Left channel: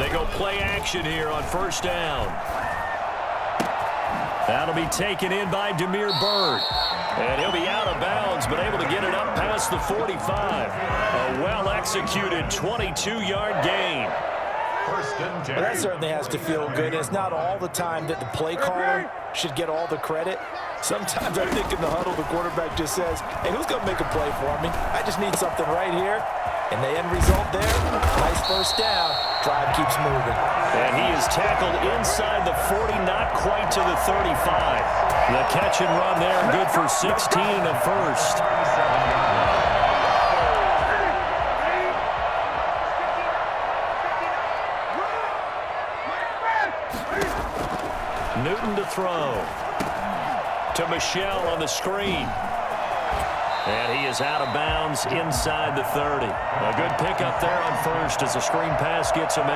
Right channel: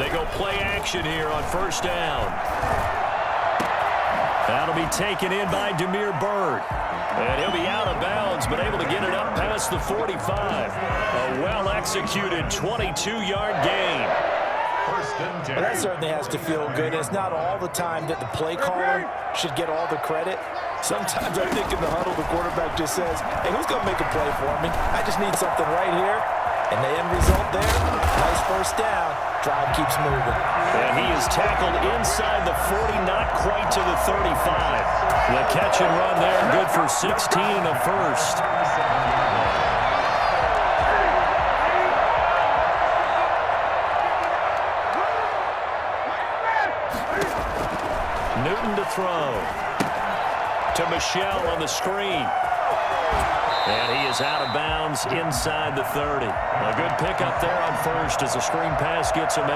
They go play action here on first down. That'll be taken in by Damiere Byrd. And he'll be out of bounds, but able to get it up past the 45. A well-executed 22-yard gain. Well, that certainly has to feel good. It's not all the time that the play caller should get all the credit. Sometimes I think in the huddle, the quarterback just says, hey, who's going to make a play for me? I just need something right here. And the end result there, nice first down. Drive keeps moving. And he is tackled inside the 40, not quite to the 35. The catch and run there, good for 16 and a first. Newton to throw. To Michel on the screen. And he is out of bounds inside the 30. A good pickup there on first as the screen pass gets him 8.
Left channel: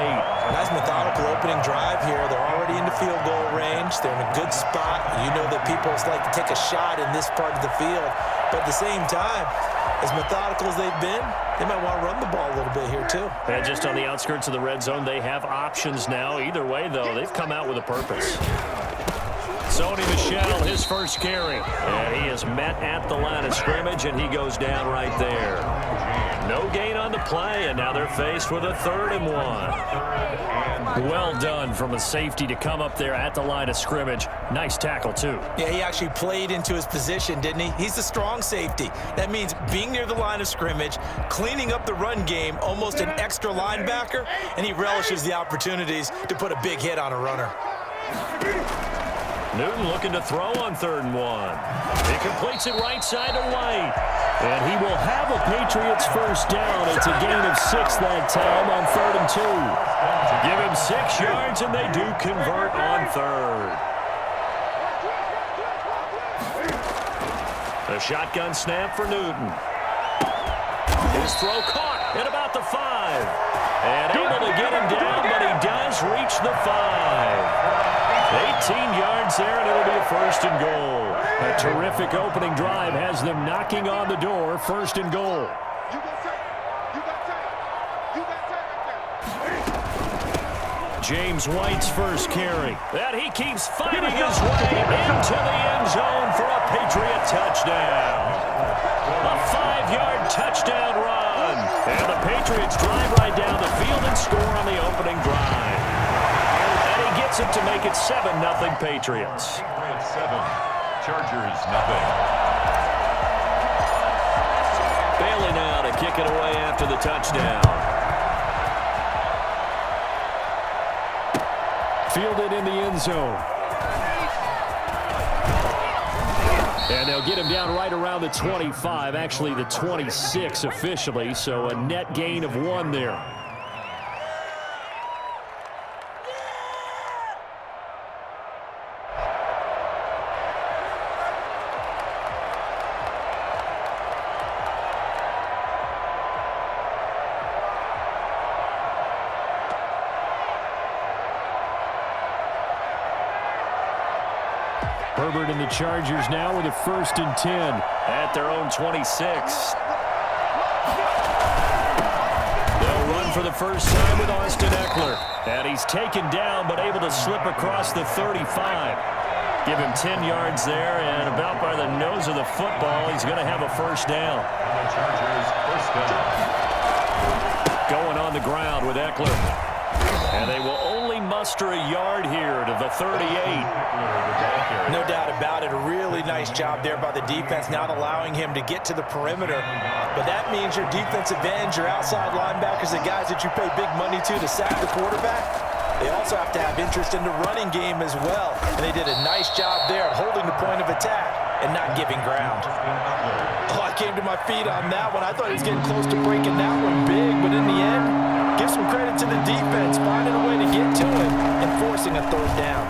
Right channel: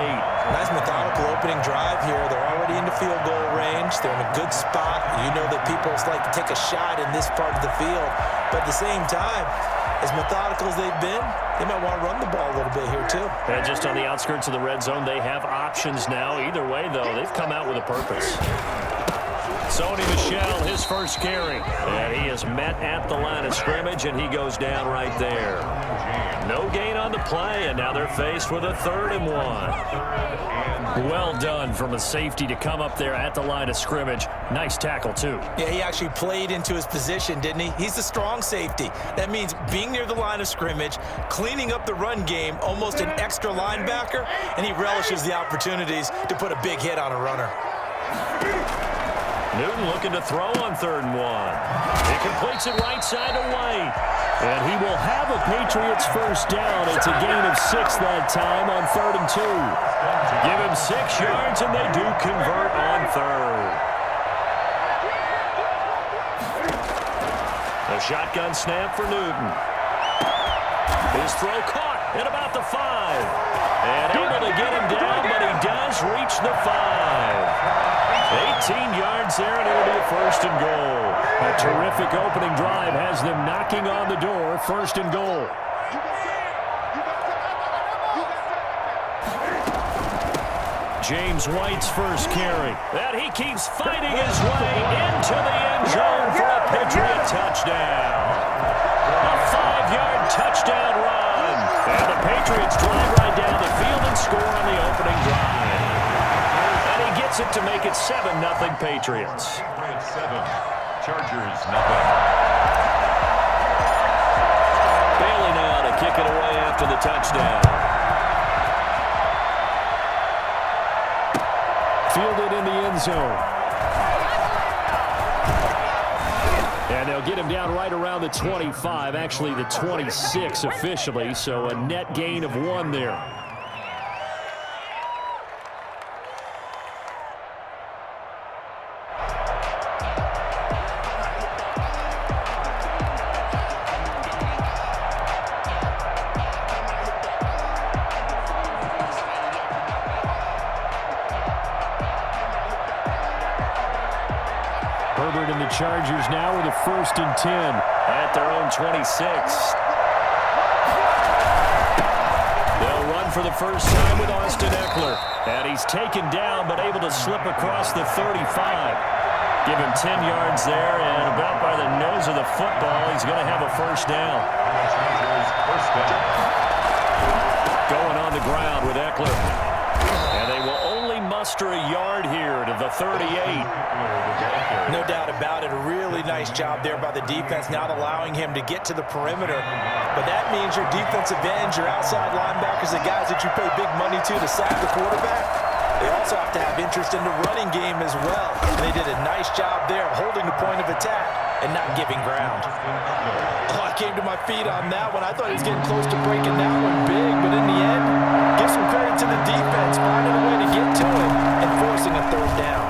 Nice methodical opening drive here. They're already into field goal range. They're in a good spot. You know that people like to take a shot in this part of the field. But at the same time, as methodical as they've been, they might want to run the ball a little bit here too. And just on the outskirts of the red zone, they have options now. Either way, though, they've come out with a purpose. Sony Michel, his first carry. And he is met at the line of scrimmage, and he goes down right there. No gain on the play, and now they're faced with a 3rd and 1. Well done from a safety to come up there at the line of scrimmage. Nice tackle, too. Yeah, he actually played into his position, didn't he? He's the strong safety. That means being near the line of scrimmage, cleaning up the run game, almost an extra linebacker, and he relishes the opportunities to put a big hit on a runner. Newton looking to throw on 3rd and 1. He completes it right side to White. And he will have a Patriots first down. It's a gain of 6 that time on 3rd and 2. Give him 6 yards, and they do convert on 3rd. A shotgun snap for Newton. His throw caught at about the 5. And able to get him down, but he does reach the 5. 18 yards there, and it'll be a 1st and goal. A terrific opening drive has them knocking on the door. 1st and goal. James White's first carry. And he keeps fighting his way into the end zone for a Patriot touchdown. A 5-yard touchdown run. And the Patriots drive right down the field and score on the opening drive. And he gets it to make it 7-0 Patriots. 7, Chargers nothing. Bailey now to kick it away after the touchdown. Fielded in the end zone. And they'll get him down right around the 25, actually the 26 officially, so a net gain of 1 there. Herbert and the Chargers now with a 1st and 10 at their own 26. They'll run for the first time with Austin Eckler. And he's taken down but able to slip across the 35. Give him 10 yards there, and about by the nose of the football, he's going to have a 1st down. Going on the ground with Eckler. And they will only muster a yard here to the 38. No doubt about it. A really nice job there by the defense, not allowing him to get to the perimeter. But that means your defensive ends, your outside linebackers, the guys that you pay big money to sack the quarterback, they also have to have interest in the running game as well. And they did a nice job there of holding the point of attack and not giving ground. Oh, I came to my feet on that one. I thought he was getting close to breaking that one big, but in the end, give some credit to the defense, finding a way to get to him and forcing a 3rd down.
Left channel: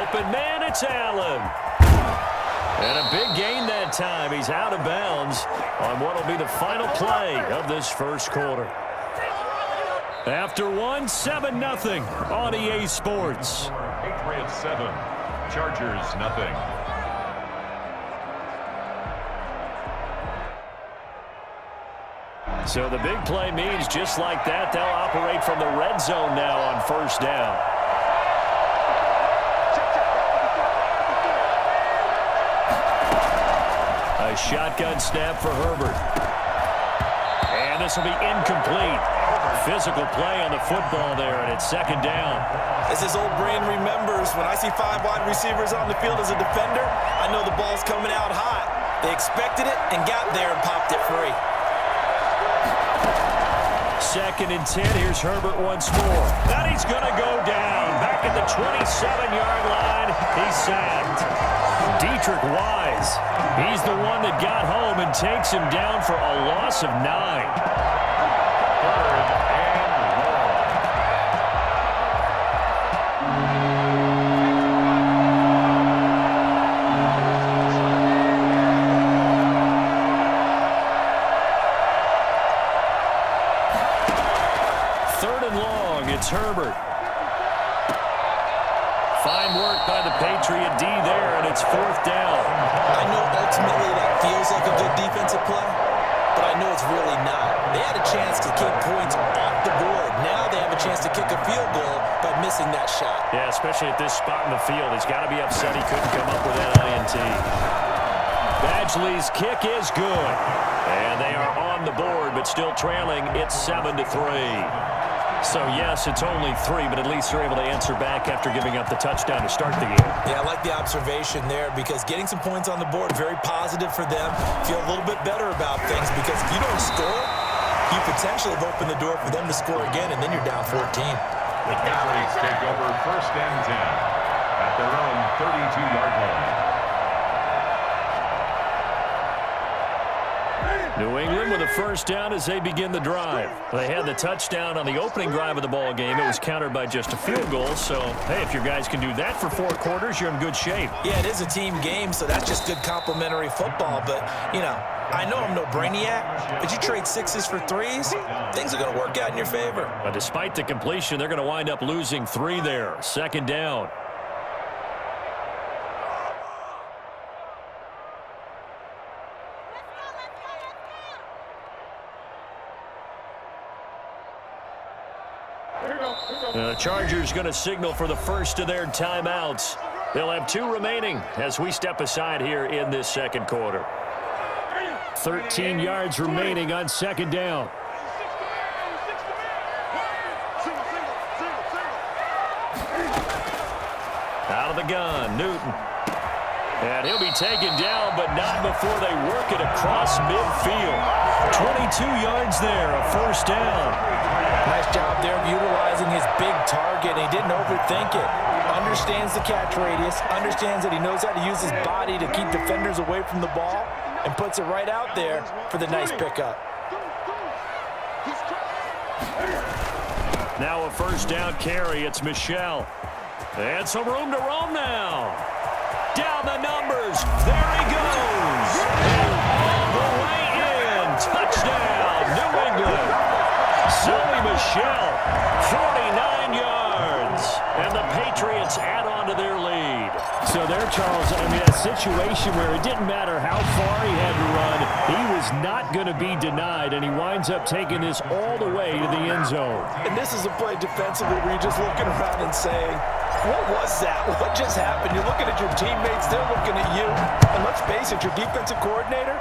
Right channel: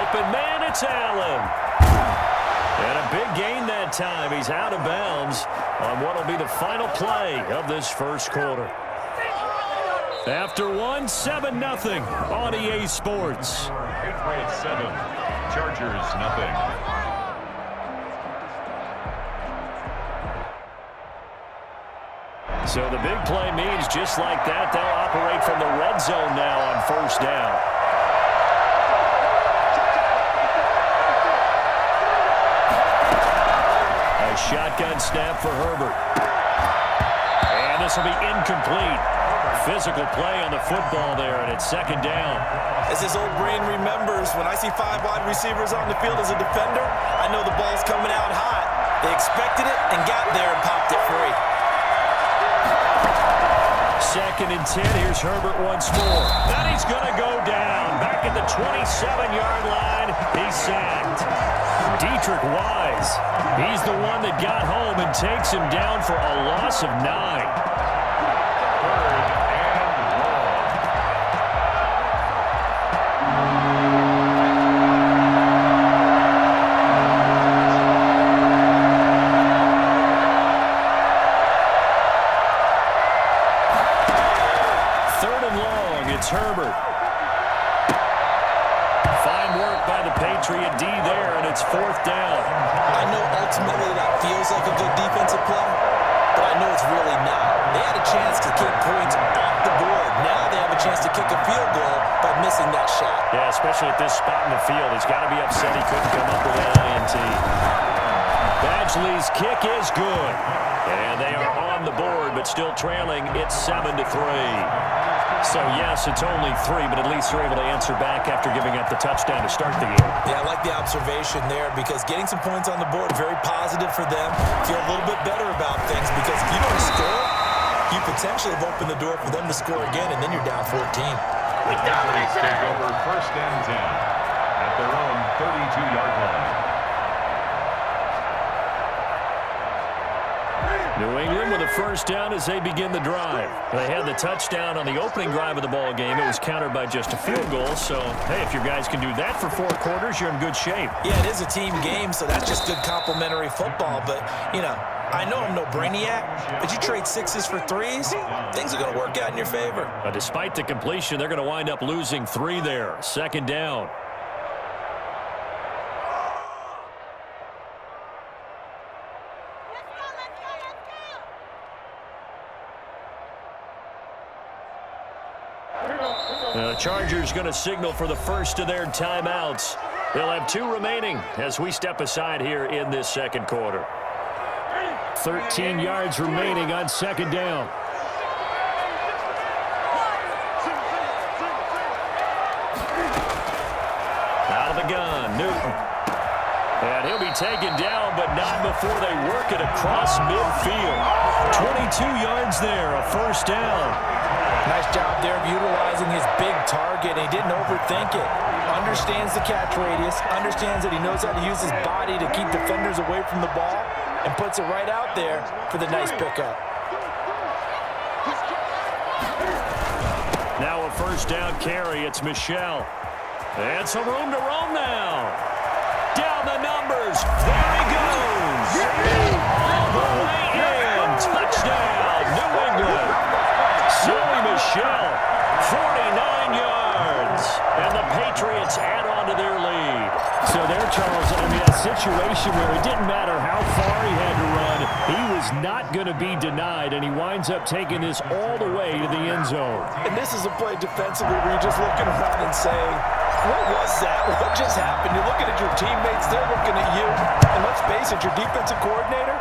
Open man, it's Allen. And a big gain that time. He's out of bounds on what will be the final play of this first quarter. After 7-0 on EA Sports. Patriots 7, Chargers nothing. So the big play means just like that, they'll operate from the red zone now on first down. A shotgun snap for Herbert. And this will be incomplete. Physical play on the football there, and it's second down. As his old brain remembers, when I see 5 wide receivers on the field as a defender, I know the ball's coming out hot. They expected it and got there and popped it free. Second and 10. Here's Herbert once more. Then he's going to go down. Back at the 27-yard line. He's sacked. Dietrich Wise. He's the one that got home and takes him down for a loss of 9. Third and long. Third and long. It's Herbert. Fine work by the Patriot D there, and it's fourth down. I know ultimately that feels like a good defensive play, but I know it's really not. They had a chance to kick points off the board. Now they have a chance to kick a field goal by missing that shot. Yeah, especially at this spot in the field. He's got to be upset he couldn't come up with that INT. Badgley's kick is good. And they are on the board, but still trailing. It's 7-3. So, yes, it's only 3, but at least they're able to answer back after giving up the touchdown to start the game. Yeah, I like the observation there because getting some points on the board, very positive for them. Feel a little bit better about things because if you don't score, you potentially have opened the door for them to score again, and then you're down 14. The Patriots take over first and 10 at their own 32-yard line. New England with a first down as they begin the drive. They had the touchdown on the opening drive of the ball game. It was countered by just a field goal. So, hey, if your guys can do that for 4 quarters, you're in good shape. Yeah, it is a team game, so that's just good complimentary football. But, you know, I know I'm no brainiac, but you trade 6s for 3s, things are going to work out in your favor. But despite the completion, they're going to wind up losing 3 there. Second down. The Chargers going to signal for the first of their timeouts. They'll have 2 remaining as we step aside here in this second quarter. 13 yards remaining on second down. Out of the gun, Newton. And he'll be taken down, but not before they work it across midfield. 22 yards there, a first down. Nice job there of utilizing his big target. He didn't overthink it. Understands the catch radius, understands that he knows how to use his body to keep defenders away from the ball, and puts it right out there for the nice pickup. Now a first down carry. It's Michel. And some room to roam now. Down the numbers. There he goes. And all the way in. Touchdown, New England. Sony Michel, 49 yards. And the Patriots add on to their lead. So there, Charles, I mean, a situation where it didn't matter how far he had to run, he was not going to be denied, and he winds up taking this all the way to the end zone. And this is a play defensively where you're just looking around and saying, what was that? What just happened? You're looking at your teammates, they're looking at you. And let's face it, your defensive coordinator,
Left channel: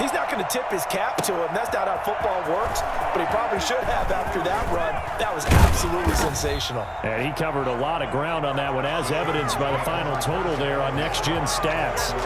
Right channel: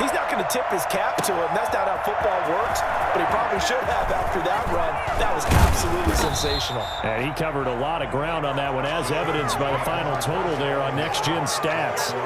he's not going to tip his cap to him. That's not how football works, but he probably should have after that run. That was absolutely sensational. And he covered a lot of ground on that one, as evidenced by the final total there on Next Gen Stats.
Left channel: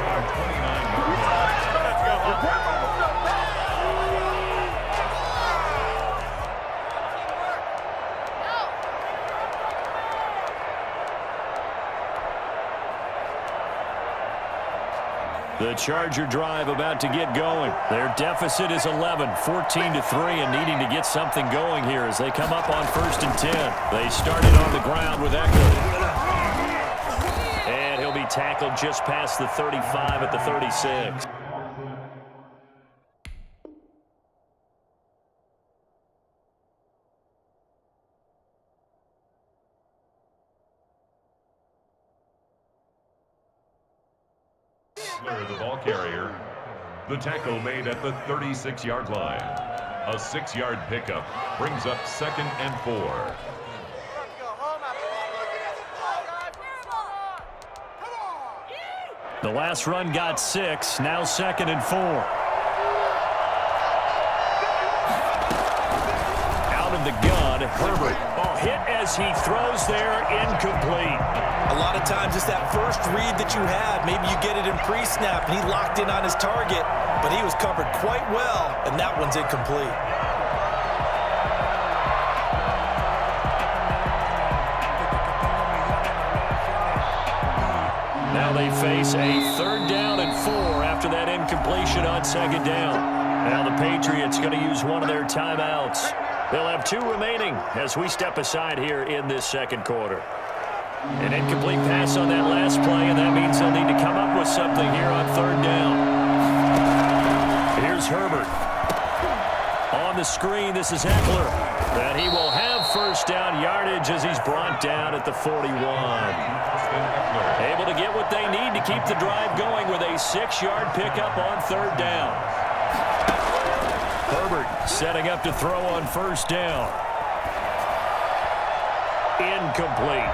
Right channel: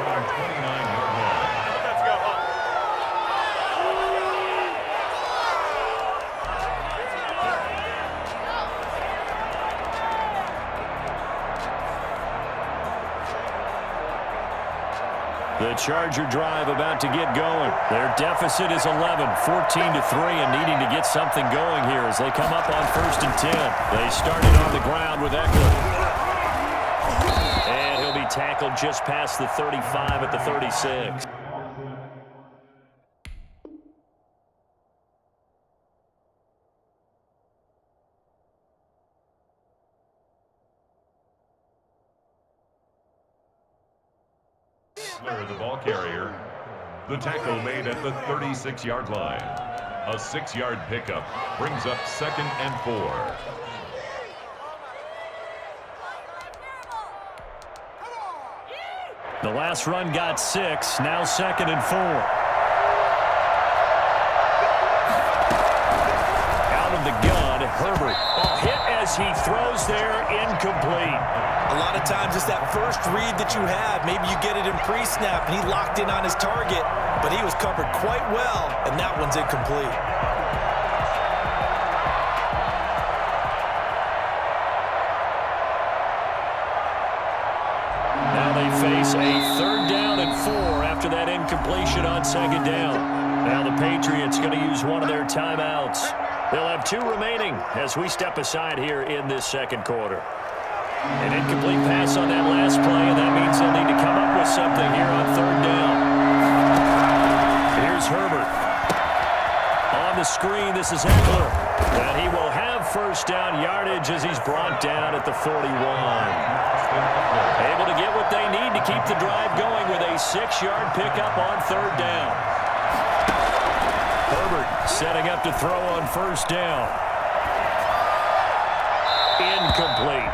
The Charger drive about to get going. Their deficit is 11, 14-3, and needing to get something going here as they come up on first and 10. They started on the ground with Eckler. And he'll be tackled just past the 35 at the 36. The ball carrier. The tackle made at the 36-yard line. A 6-yard pickup brings up 2nd and 4. The last run got 6, now 2nd and 4. Out of the gun, Herbert. Oh, hit as he throws there, incomplete. A lot of times it's that first read that you have. Maybe you get it in pre-snap, and he locked in on his target, but he was covered quite well, and that one's incomplete. Now they face a 3rd down and 4 after that incompletion on 2nd down. Now the Patriots going to use one of their timeouts. They'll have 2 remaining as we step aside here in this 2nd quarter. An incomplete pass on that last play, and that means they'll need to come up with something here on 3rd down. Here's Herbert. On the screen, this is Eckler. And he will have 1st down yardage as he's brought down at the 41. Able to get what they need to keep the drive going with a 6-yard pickup on 3rd down. Herbert setting up to throw on 1st down. Incomplete.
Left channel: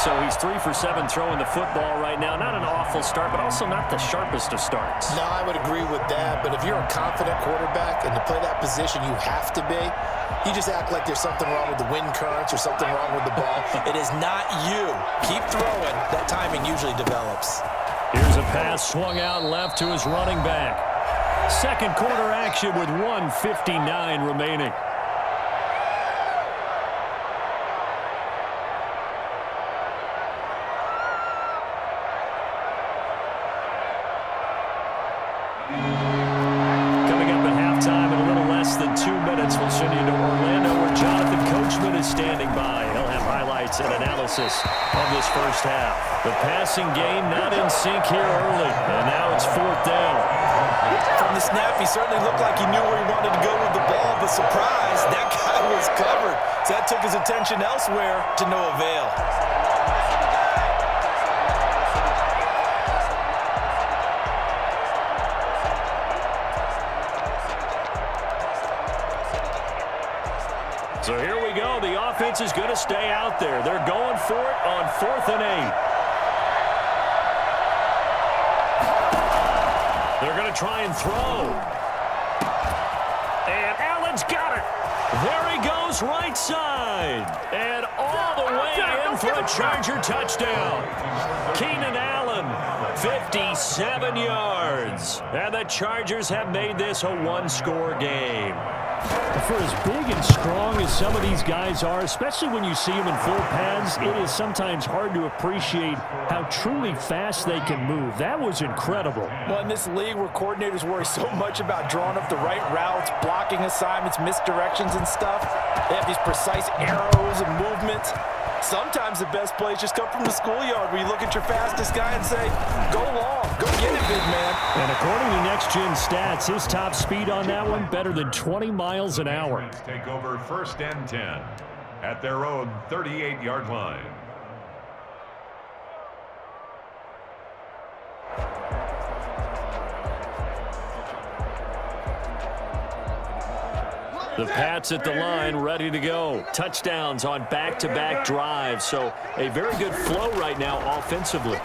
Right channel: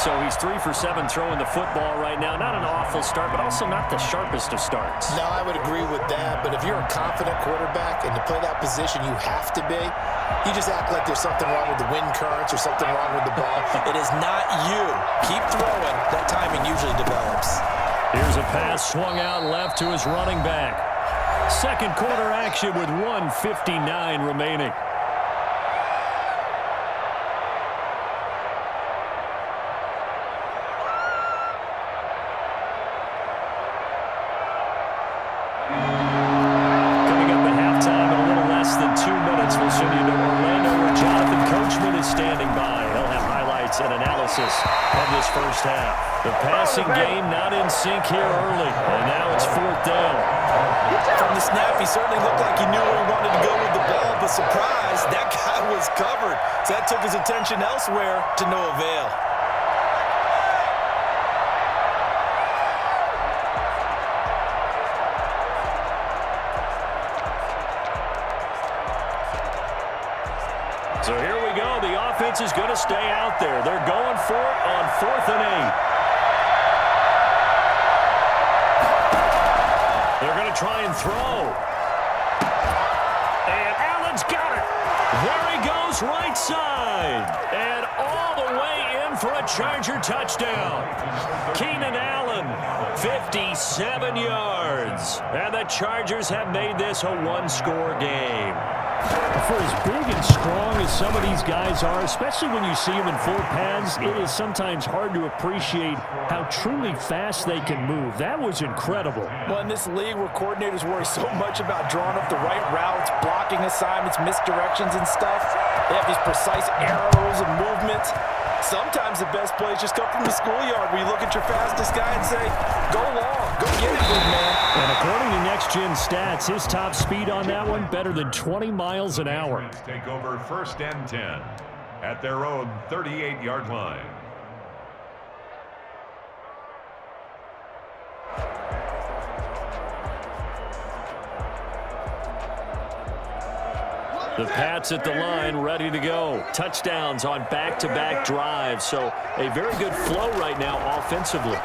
So he's 3 for 7 throwing the football right now. Not an awful start, but also not the sharpest of starts. No, I would agree with that. But if you're a confident quarterback and to play that position you have to be, you just act like there's something wrong with the wind currents or something wrong with the ball. It is not you. Keep throwing. That timing usually develops. Here's a pass swung out left to his running back. 2nd quarter action with 1:59 remaining. We'll send you to Orlando where Jonathan Coachman is standing by. He'll have highlights and analysis of this 1st half. The passing game not in sync here early, and now it's 4th down. From the snap, he certainly looked like he knew where he wanted to go with the ball, but surprise, that guy was covered. So that took his attention elsewhere to no avail. So here we go. The offense is going to stay out there. They're going for it on 4th and 8. They're going to try and throw. And Allen's got it. There he goes, right side. And all the way in for a Charger touchdown. Keenan Allen, 57 yards. And the Chargers have made this a 1-score game. For as big and strong as some of these guys are, especially when you see them in full pads, it is sometimes hard to appreciate how truly fast they can move. That was incredible. Well, in this league where coordinators worry so much about drawing up the right routes, blocking assignments, misdirections and stuff, they have these precise arrows and movements. Sometimes the best plays just come from the schoolyard where you look at your fastest guy and say, go long, go get it, big man. And according to Next Gen Stats, his top speed on that one, better than 20 miles an hour. Take over 1st and 10 at their own 38-yard line. The Pats at the line, ready to go. Touchdowns on back-to-back drives. So a very good flow right now offensively.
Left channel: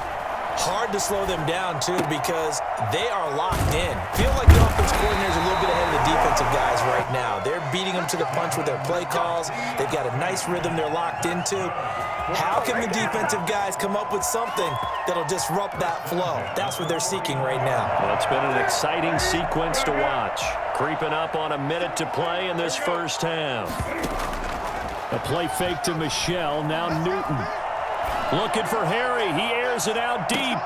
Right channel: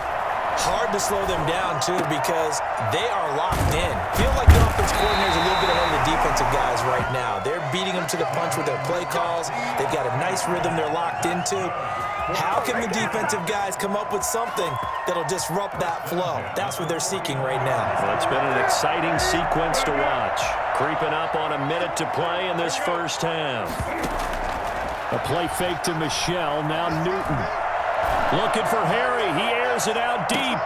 Hard to slow them down, too, because they are locked in. Feel like the offense coordinator is a little bit ahead of the defensive guys right now. They're beating them to the punch with their play calls. They've got a nice rhythm they're locked into. How can the defensive guys come up with something that'll disrupt that flow? That's what they're seeking right now. Well, it's been an exciting sequence to watch. Creeping up on a minute to play in this 1st half. A play fake to Michelle, now Newton. Looking for Harry. He airs it out deep.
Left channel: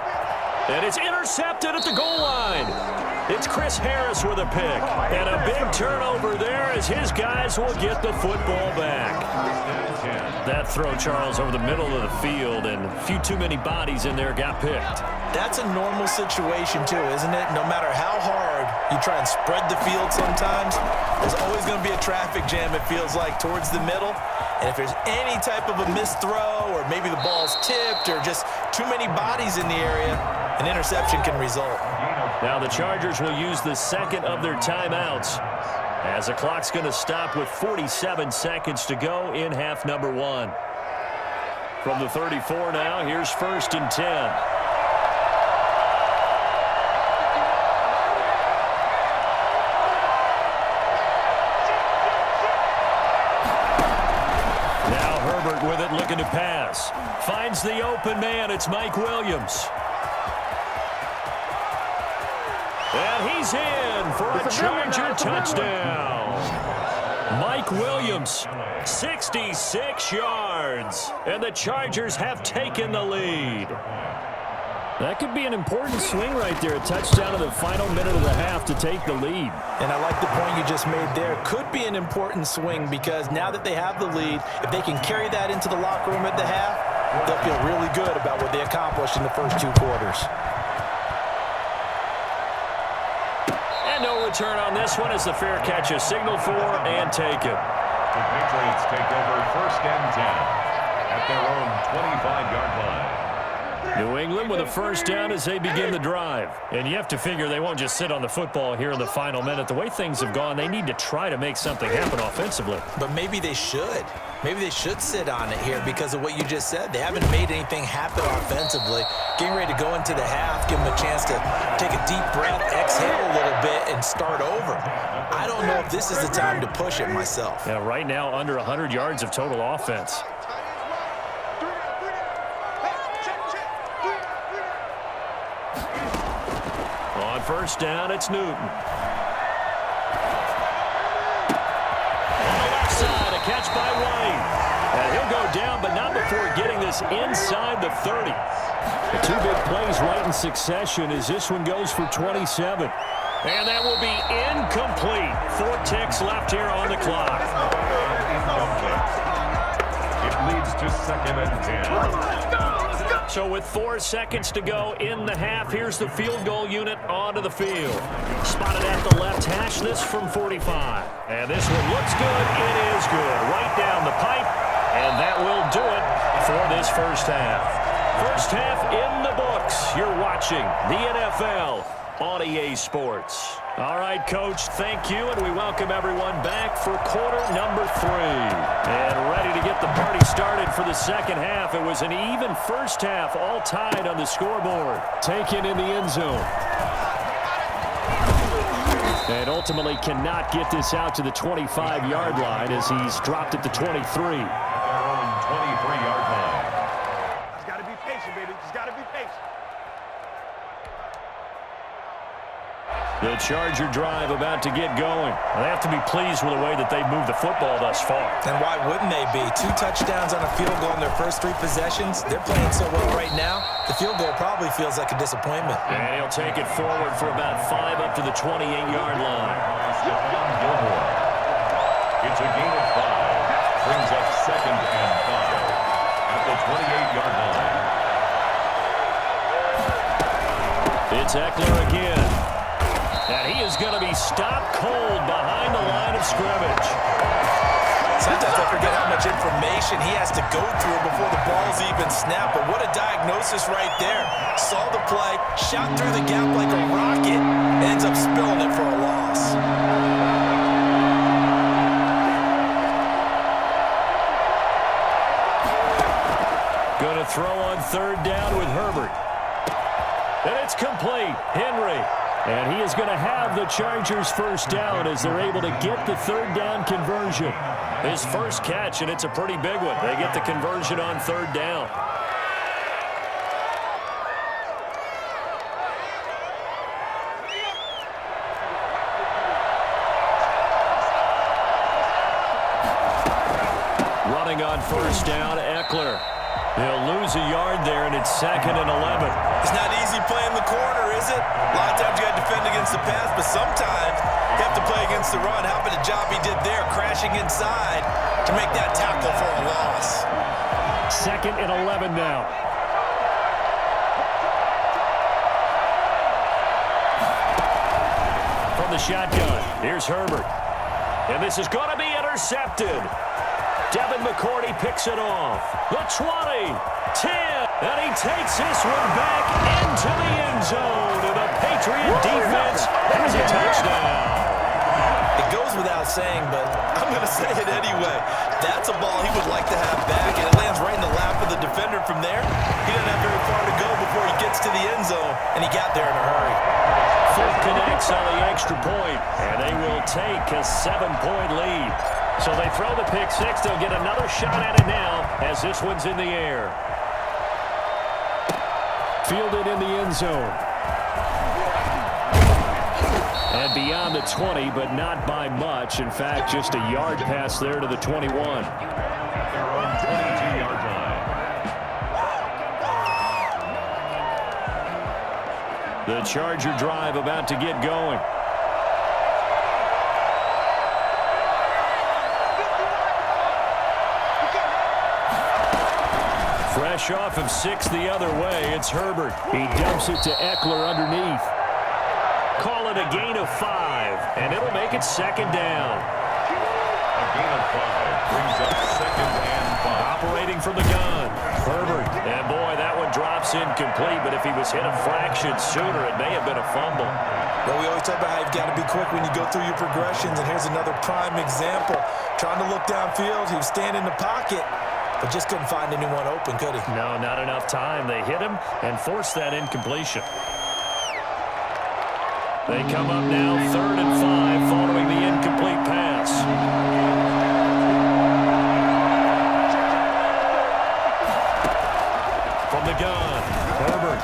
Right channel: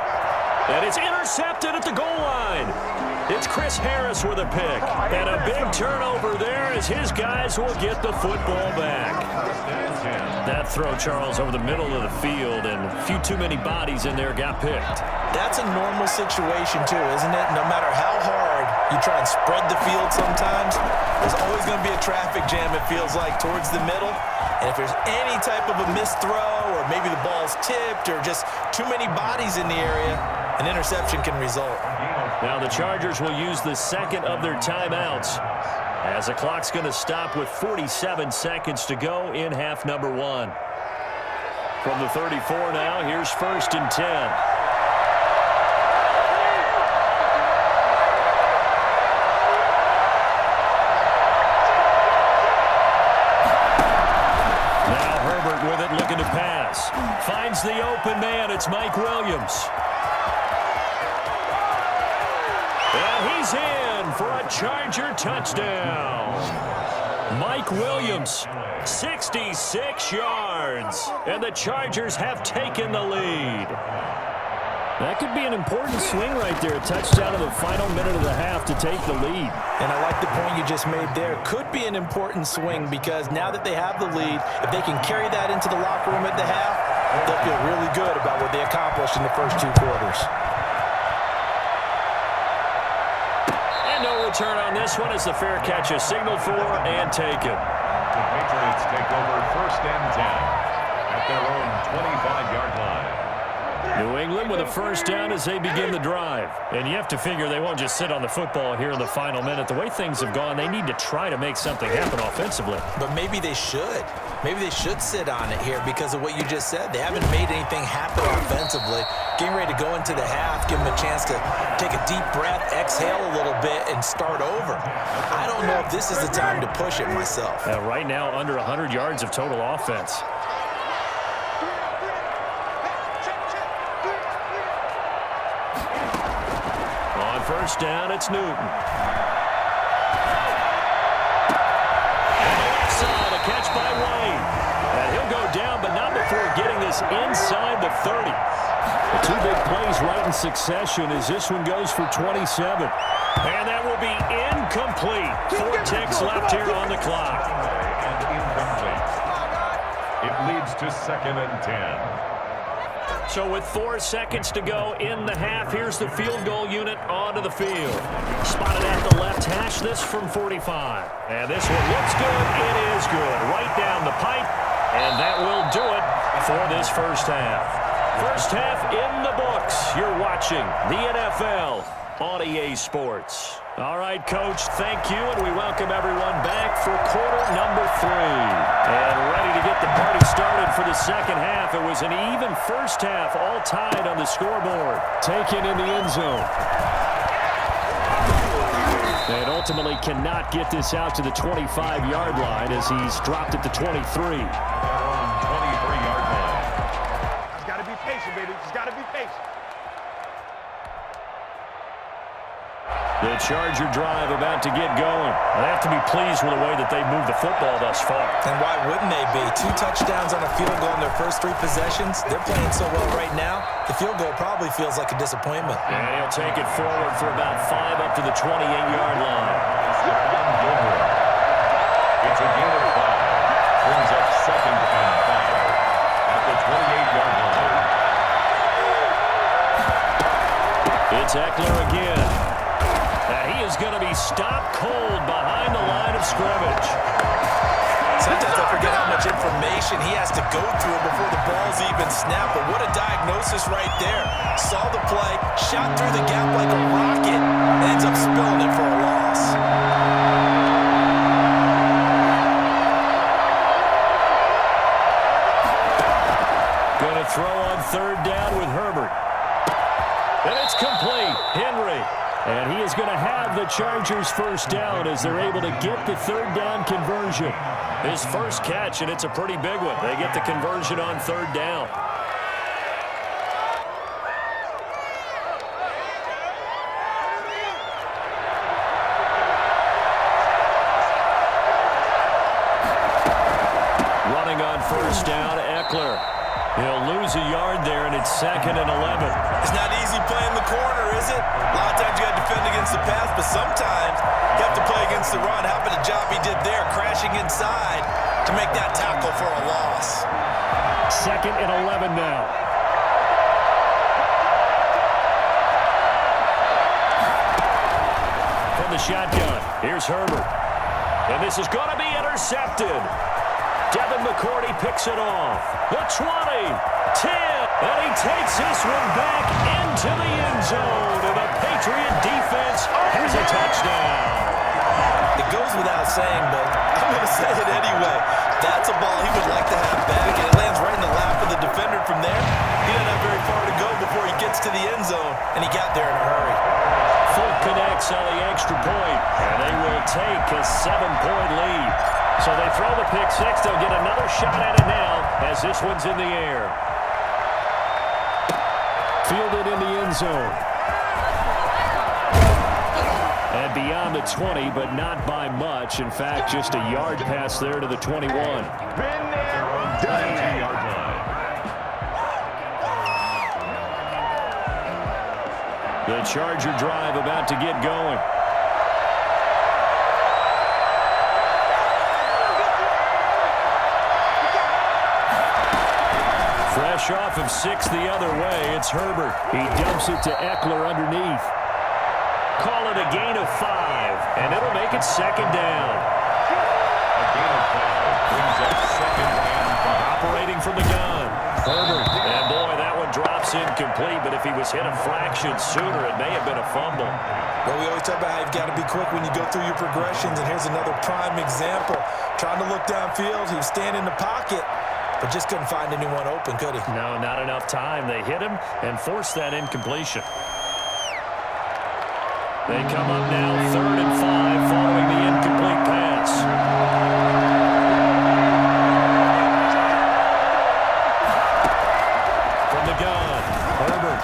And it's intercepted at the goal line. It's Chris Harris with a pick. And a big turnover there as his guys will get the football back. That throw, Charles, over the middle of the field, and a few too many bodies in there got picked. That's a normal situation, too, isn't it? No matter how hard you try and spread the field sometimes, there's always going to be a traffic jam, it feels like, towards the middle. And if there's any type of a missed throw or maybe the ball's tipped or just too many bodies in the area, an interception can result. Now the Chargers will use the 2nd of their timeouts. As the clock's going to stop with 47 seconds to go in half number 1. From the 34 now, here's 1st and 10. Now Herbert with it, looking to pass. Finds the open man. It's Mike Williams. And he's in for a Charger touchdown. Mike Williams, 66 yards. And the Chargers have taken the lead. That could be an important swing right there. A touchdown in the final minute of the half to take the lead. And I like the point you just made there. Could be an important swing because now that they have the lead, if they can carry that into the locker room at the half, they'll feel really good about what they accomplished in the first 2 quarters. No return on this one as the fair catch is signaled for and taken. The Patriots take over 1st and 10 at their own 25-yard line. New England with a 1st down as they begin the drive. And you have to figure they won't just sit on the football here in the final minute. The way things have gone, they need to try to make something happen offensively. But maybe they should. Maybe they should sit on it here because of what you just said. They haven't made anything happen offensively. Getting ready to go into the half, give them a chance to take a deep breath, exhale a little bit, and start over. I don't know if this is the time to push it myself. Right now, under 100 yards of total offense. On 1st down, it's Newton. On the left side, a catch by White. And he'll go down, but not before getting this inside the 30. The 2 big plays right in succession as this one goes for 27. And that will be incomplete. 4 ticks left here on the clock. And incomplete. It leads to 2nd and 10. So with 4 seconds to go in the half, here's the field goal unit onto the field. Spotted at the left hash, this from 45. And this one looks good. It is good. Right down the pipe. And that will do it for this first half. First half in the books. You're watching the NFL on EA Sports. All right, Coach, thank you, and we welcome everyone back for quarter number 3. And ready to get the party started for the second half. It was an even first half, all tied on the scoreboard. Taken in the end zone. And ultimately cannot get this out to the 25-yard line as he's dropped at the 23. Their own 23-yard line. Just got to be patient, baby. Just got to be patient. The Charger drive about to get going. They have to be pleased with the way that they've moved the football thus far. And why wouldn't they be? 2 touchdowns on a field goal in their first 3 possessions. They're playing so well right now, the field goal probably feels like a disappointment. And he'll take it forward for about 5 up to the 28-yard line. It's a gain of 5. Brings up 2nd and 5 at the 28-yard line. It's Eckler again. And he is going to be stopped cold behind the line of scrimmage. Sometimes I forget how much information he has to go through before the ball's even snapped. But what a diagnosis right there. Saw the play, shot through the gap like a rocket, and ends up spilling it for a loss. Going to throw on 3rd down with Herbert. And it's complete. Henry. And he is going to have the Chargers first down as they're able to get the 3rd down conversion. His first catch, and it's a pretty big one. They get the conversion on 3rd down. Running on 1st down, Eckler. He'll lose a yard there, and it's 2nd and 11. It's not easy playing the corner, is it? A lot of times you got to defend against the pass, but sometimes you have to play against the run. How about the job he did there, crashing inside to make that tackle for a loss? 2nd and 11 now. From the shotgun, here's Herbert. And this is going to be intercepted. Devin McCourty picks it off. The 20, 10, and he takes this one back into the end zone. And the Patriot defense has a touchdown. It goes without saying, but I'm going to say it anyway. That's a ball he would like to have back, and it lands right in the lap of the defender from there. He doesn't have very far to go before he gets to the end zone, and he got there in a hurry. Full connects on the extra point, and they will take a 7-point lead. So they throw the pick six. They'll get another shot at it now as this one's in the air. Fielded in the end zone. And beyond the 20, but not by much. In fact, just a yard pass there to the 21. At their own 22-yard line. The Charger drive about to get going. Fresh off of 6 the other way, it's Herbert. He dumps it to Eckler underneath. Call it a gain of 5, and it'll make it second down. A gain of 5 brings up second and 5. Operating from the gun, Herbert. And boy, that one drops incomplete, but if he was hit a fraction sooner, it may have been a fumble. Well, we always talk about how you've got to be quick when you go through your progressions, and here's another prime example. Trying to look downfield, he was standing in the pocket, but just couldn't find anyone open, could he? No, not enough time. They hit him and forced that incompletion. They come up now 3rd and 5 following the incomplete pass. From the gun, Herbert.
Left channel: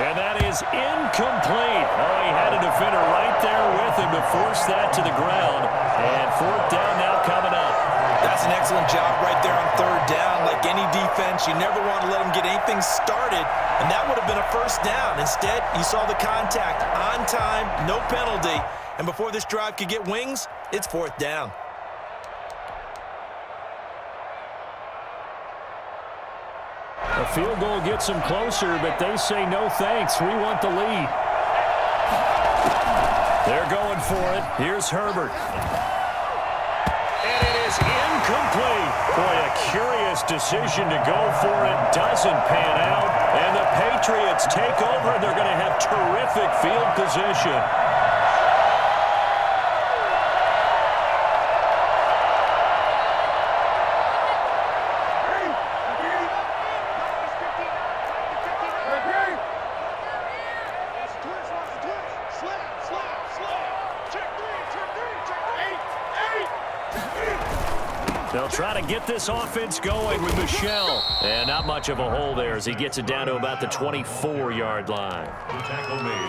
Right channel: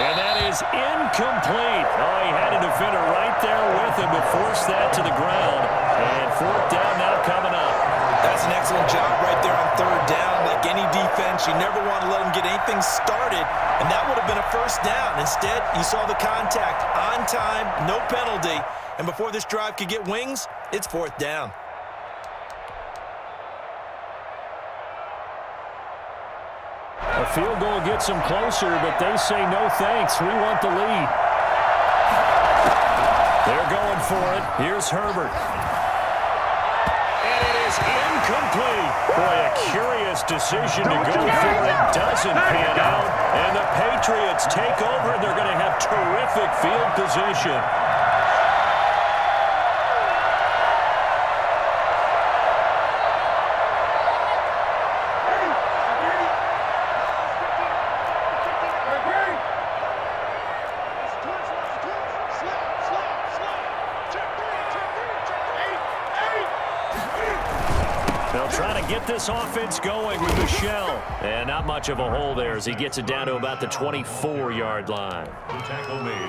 And that is incomplete. Oh, he had a defender right there with him to force that to the ground. And 4th down now coming up. That's an excellent job right there on 3rd down. Like any defense, you never want to let them get anything started, and that would have been a 1st down. Instead, you saw the contact on time, no penalty, and before this drive could get wings, it's 4th down. A field goal gets them closer, but they say no thanks. We want the lead. They're going for it. Here's Herbert. And it is incomplete. Boy, a curious decision to go for it. Doesn't pan out. And the Patriots take over, and they're going to have terrific field position. They'll try to get this offense going with Michel. And not much of a hole there as he gets it down to about the 24-yard line.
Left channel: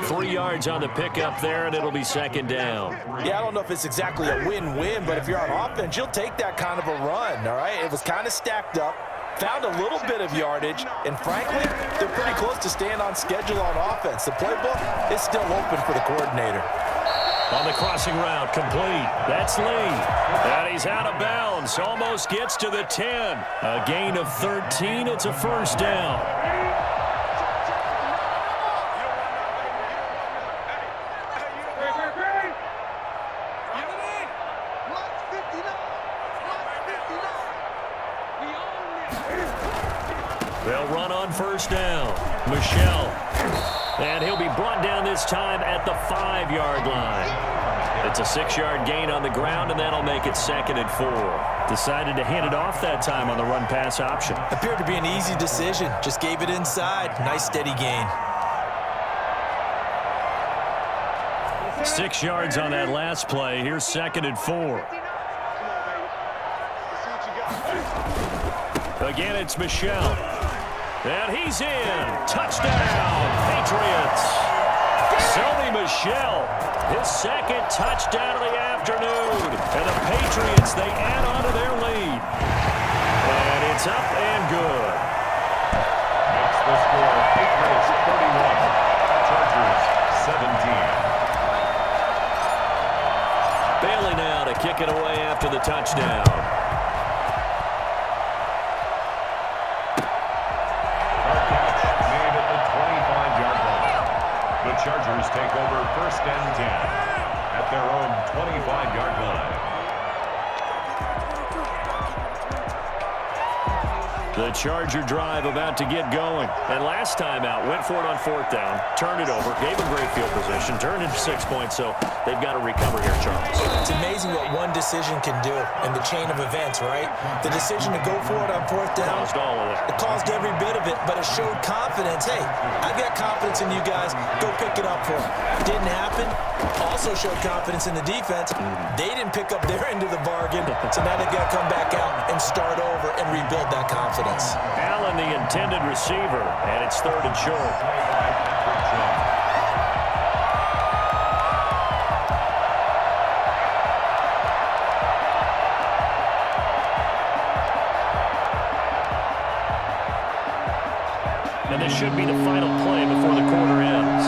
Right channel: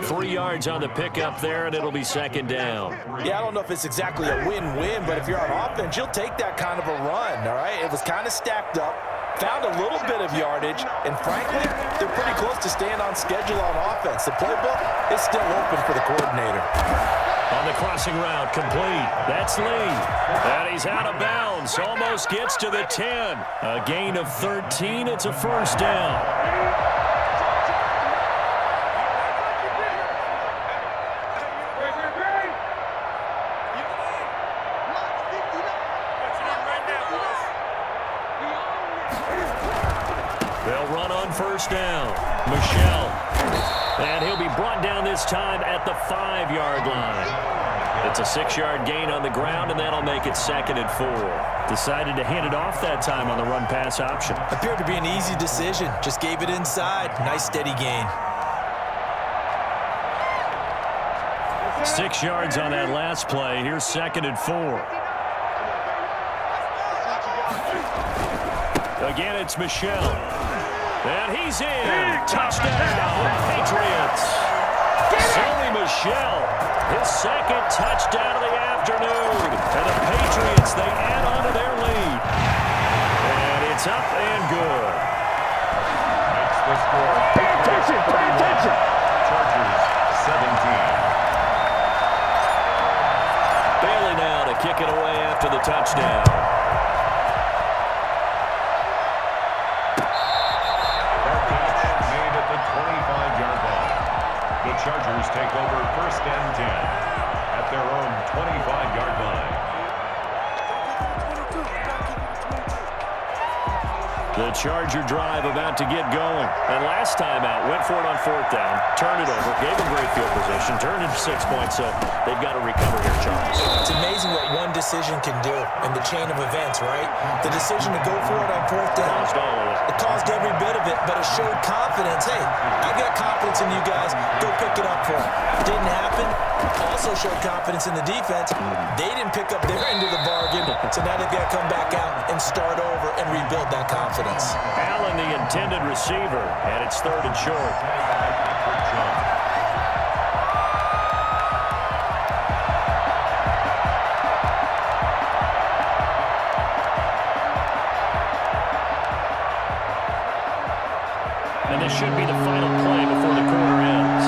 3 yards on the pickup there, and it'll be second down. Yeah, I don't know if it's exactly a win-win, but if you're on offense, you'll take that kind of a run, all right? It was kind of stacked up, found a little bit of yardage, and frankly, they're pretty close to staying on schedule on offense. The playbook is still open for the coordinator. On the crossing route, complete. That's Lee. And he's out of bounds. Almost gets to the 10. A gain of 13. It's a 1st down. They'll run on 1st down. Michel. And he'll be brought down this time at the 5-yard line. It's a 6-yard gain on the ground, and that'll make it 2nd and 4. Decided to hand it off that time on the run-pass option. Appeared to be an easy decision. Just gave it inside. Nice, steady gain. 6 yards on that last play. Here's 2nd and 4. Again, it's Michel. And he's in. Touchdown, Patriots. Sony Michel, his 2nd touchdown of the afternoon. And the Patriots, they add on to their lead. And it's up and good. Makes the score Patriots 31, Chargers 17. Bailey now to kick it away after the touchdown. The Chargers take over 1st and 10 at their own 25-yard line. The Charger drive about to get going. And last time out, went for it on 4th down, turned it over, gave them great field position, turned into 6 points, so they've got to recover here, Charles. It's amazing one decision can do in the chain of events, right? The decision to go for it on fourth down. Caused all of it. It caused every bit of it, but it showed confidence. Hey, I've got confidence in you guys. Go pick it up for them. Didn't happen. Also showed confidence in the defense. They didn't pick up their end of the bargain, so now they've got to come back out and start over and rebuild that confidence. Allen, the intended receiver, and it's 3rd and short. And this should be the final play before the quarter ends.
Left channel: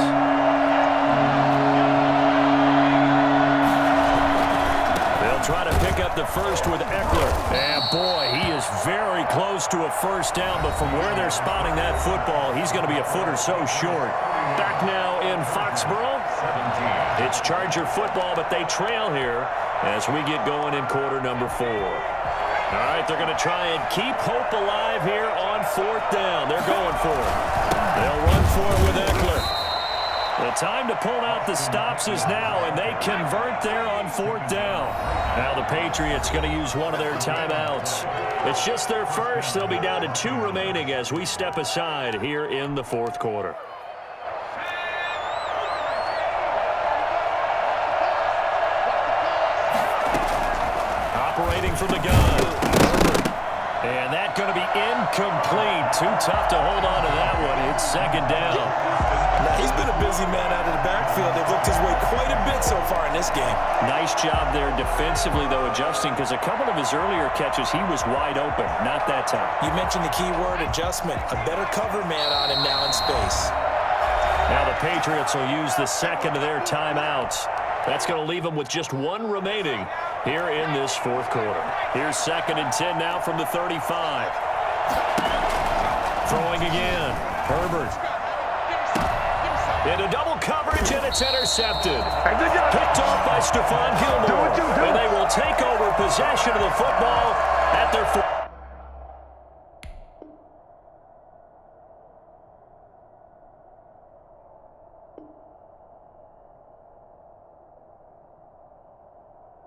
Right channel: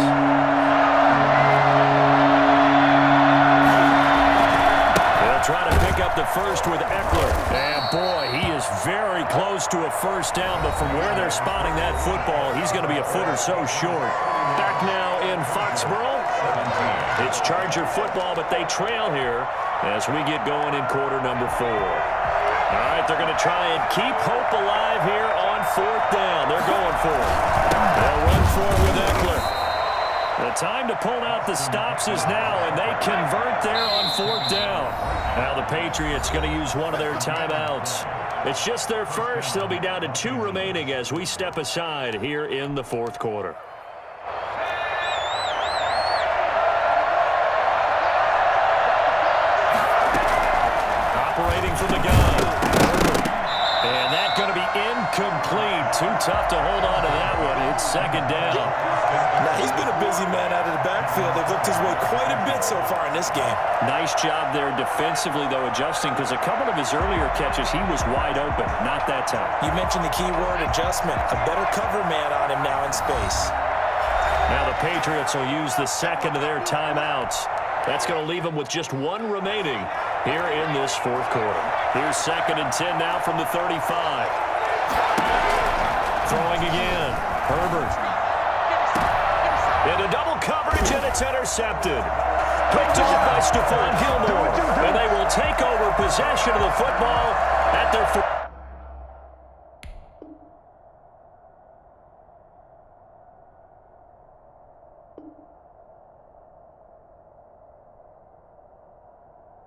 They'll try to pick up the first with Eckler. And boy, he is very close to a first down, but from where they're spotting that football, he's going to be a foot or so short. Back now in Foxborough. It's Charger football, but they trail here as we get going in quarter number 4. All right, they're going to try and keep hope alive here on 4th down. They're going for it. They'll run for it with Eckler. The time to pull out the stops is now, and they convert there on 4th down. Now the Patriots going to use one of their timeouts. It's just their first. They'll be down to 2 remaining as we step aside here in the 4th quarter. Operating from the gun. And that's going to be incomplete. Too tough to hold on to that one. It's 2nd down. Now, he's been a busy man out of the backfield. They've looked his way quite a bit so far in this game. Nice job there defensively, though, adjusting, because a couple of his earlier catches, he was wide open. Not that time. You mentioned the key word, adjustment. A better cover man on him now in space. Now the Patriots will use the 2nd of their timeouts. That's going to leave them with just 1 remaining here in this 4th quarter. Here's 2nd and 10 now from the 35. Throwing again. Herbert. Into double coverage, and it's intercepted. Picked off by Stephon Gilmore. And they will take over possession of the football at their